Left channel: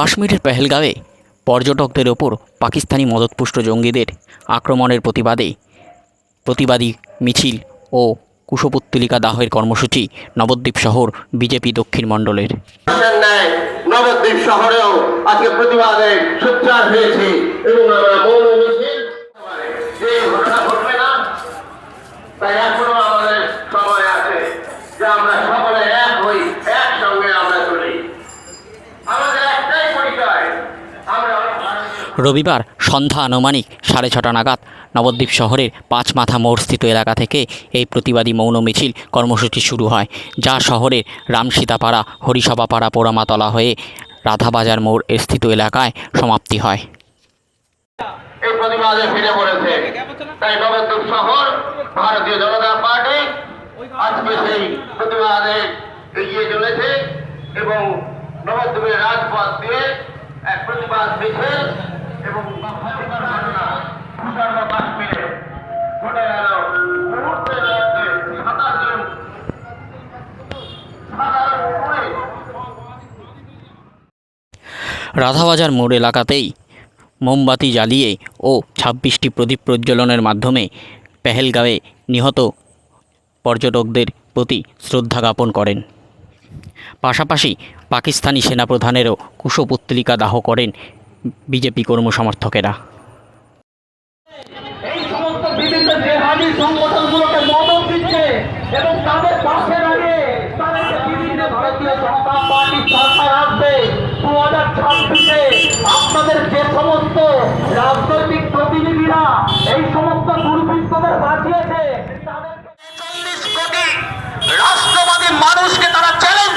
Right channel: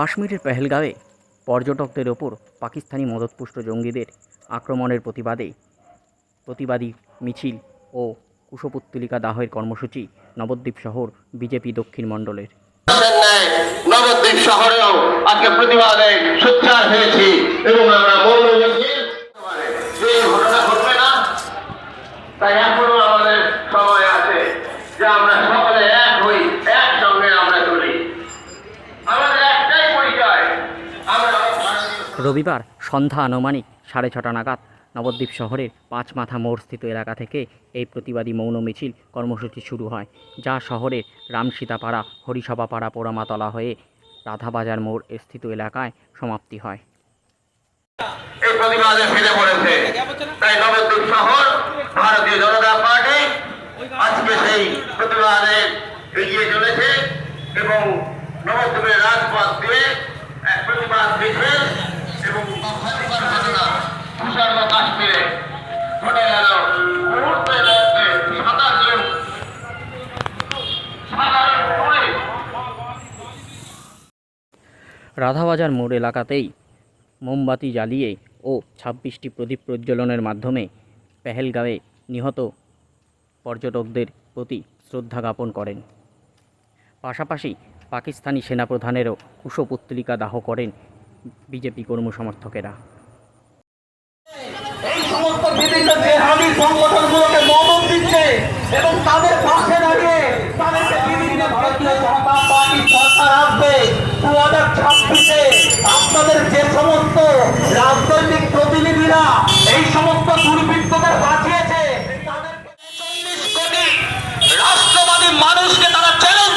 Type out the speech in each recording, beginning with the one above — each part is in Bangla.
কাশ্মীরের পেহেলগাঁওয়ে পর্যটকদের ওপর পাকিস্তানি মদতপুষ্ট জঙ্গিদের আক্রমণের প্রতিবাদে প্রতিবাদী মিছিল ও কুশপুত্তলিকা দাহের কর্মসূচি নবদ্বীপ শহর বিজেপি দক্ষিণ মণ্ডলের। নবদ্বীপ শহরেও আজকে প্রতিবাদে সোচ্চার হয়েছি এবং আমরা মৌন মিছিল এই ঘটনা ঘটবে না তাই এখনও আমাদের সময় আছে যে আমরা সকলে এক হই একসঙ্গে আমরা চলি আমাদের একটাই পরিচয় আমরা ভারতীয় রবিবার সন্ধ্যা আনুমানিক সাড়ে ছটা নাগাদ নবদ্বীপ শহরের পাঁচ মাথা মোড় স্থিত এলাকা থেকে এই প্রতিবাদী মৌন মিছিল কর্মসূচি শুরু হয়, যা শহরের রামসীতাপাড়া, হরিসভাপাড়া পোড়ামাতলা হয়ে রাধাবাজার মোড় স্থিত এলাকায় সমাপ্তি হয়। এই প্রতিবাদে ফিরে পড়েছে তাই নবদ্বীপ শহর, ভারতীয় জনতা পার্টি আজকে সেই প্রতিবাদে এগিয়ে চলেছে এবং নবদ্বীপের রাজপথ দিয়ে এক প্রতিবাদ মিছিল তুষার কাশ্মীরে ঘটে গেল। রাধাবাজার মোড় এলাকাতেই মোমবাতি জ্বালিয়ে ও ছাব্বিশটি প্রদীপ প্রজ্বলনের মাধ্যমে পেহেলগাঁওয়ে নিহত পর্যটকদের প্রতি শ্রদ্ধা জ্ঞাপন করেন। পাশাপাশি পাকিস্তানি সেনাপ্রধানেরও কুশপুত্তলিকা দাহ করেন বিজেপি কর্মসমর্থকেরা। বিভিন্ন জেহাদি সংগঠনগুলোকে মদত দিচ্ছে এবং তাদের পাশে দাঁড়িয়ে তাদেরকে বিভিন্ন ভারতীয় জনতা পার্টি সরকার আসবে দু হাজার ছাব্বিশে আপনাদের যে সমস্ত রাজনৈতিক প্রতিনিধিরা এই সমস্ত দুর্বৃত্তদের বাঁচিয়েছে, তাদেরকে চল্লিশ কোটি রাষ্ট্রবাদী মানুষকে তারা চ্যালেঞ্জ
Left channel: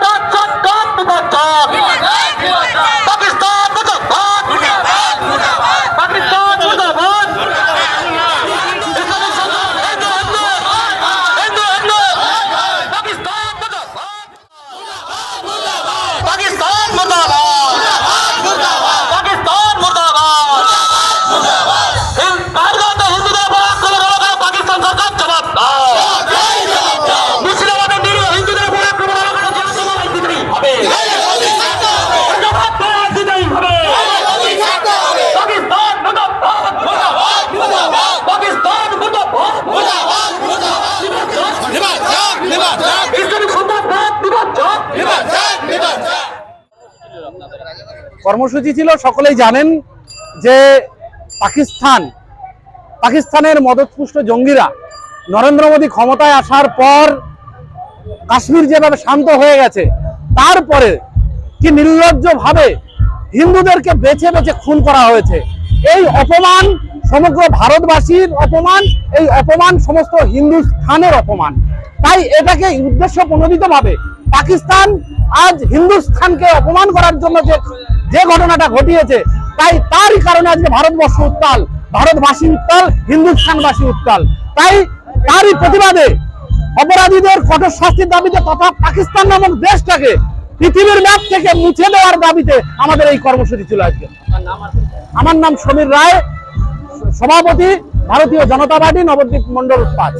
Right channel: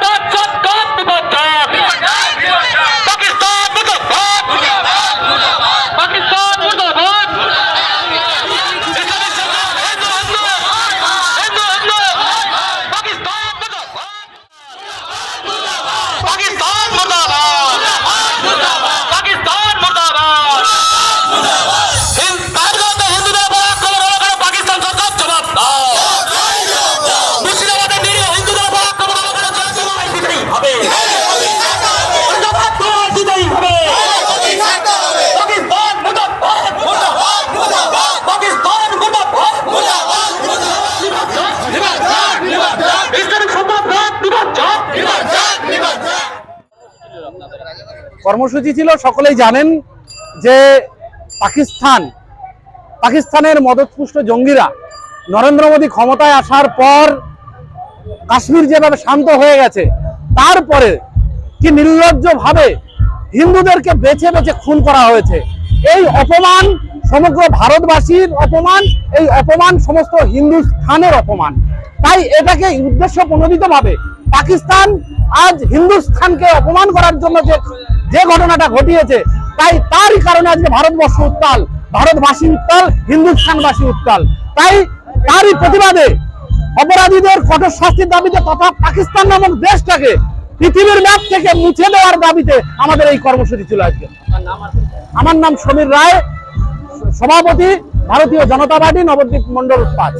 পাকিস্তানি মৌলবাদ সৎকার বিপজ্জনক কর্মসূচি ছিল, সকলেই জানেন যে পাকিস্তান, পাকিস্তানের মদতপুষ্ট জঙ্গিরা নরেন্দ্র মোদী ক্ষমতায় আসার পর কাশ্মীর যেভাবে শান্ত হয়ে গেছে, তারপরে কি নির্লজ্জভাবে হিন্দুদেরকে বেছে বেছে খুন করা হয়েছে, এই অপমান সমগ্র ভারতবাসীর অপমান, এই অপমান সমস্ত হিন্দুস্থানের অপমান। তাই এটাকে উদ্দেশ্য প্রণোদিতভাবে পাকিস্তান আজ হিন্দুস্থানকে অপমান করার জন্য যে যে ঘটনাটা ঘটিয়েছে তাই তারই কারণে আজকে ভারতবর্ষ উত্তাল ভারতবাসী উত্তাল হিন্দুস্থানবাসী উত্তাল। তাই তারই প্রতিবাদে অপরাধীদের কঠোর শাস্তির দাবিতে তথা পাকিস্তান নামক দেশটাকে পৃথিবীর ম্যাপ থেকে মুছে দেওয়ার দাবিতে আমাদের এই কর্মসূচি ছিল আজকে। আমার নাম সমীর রায় সভাপতি ভারতীয় জনতা পার্টি নবদ্বীপ মন্ডল পাঁচ।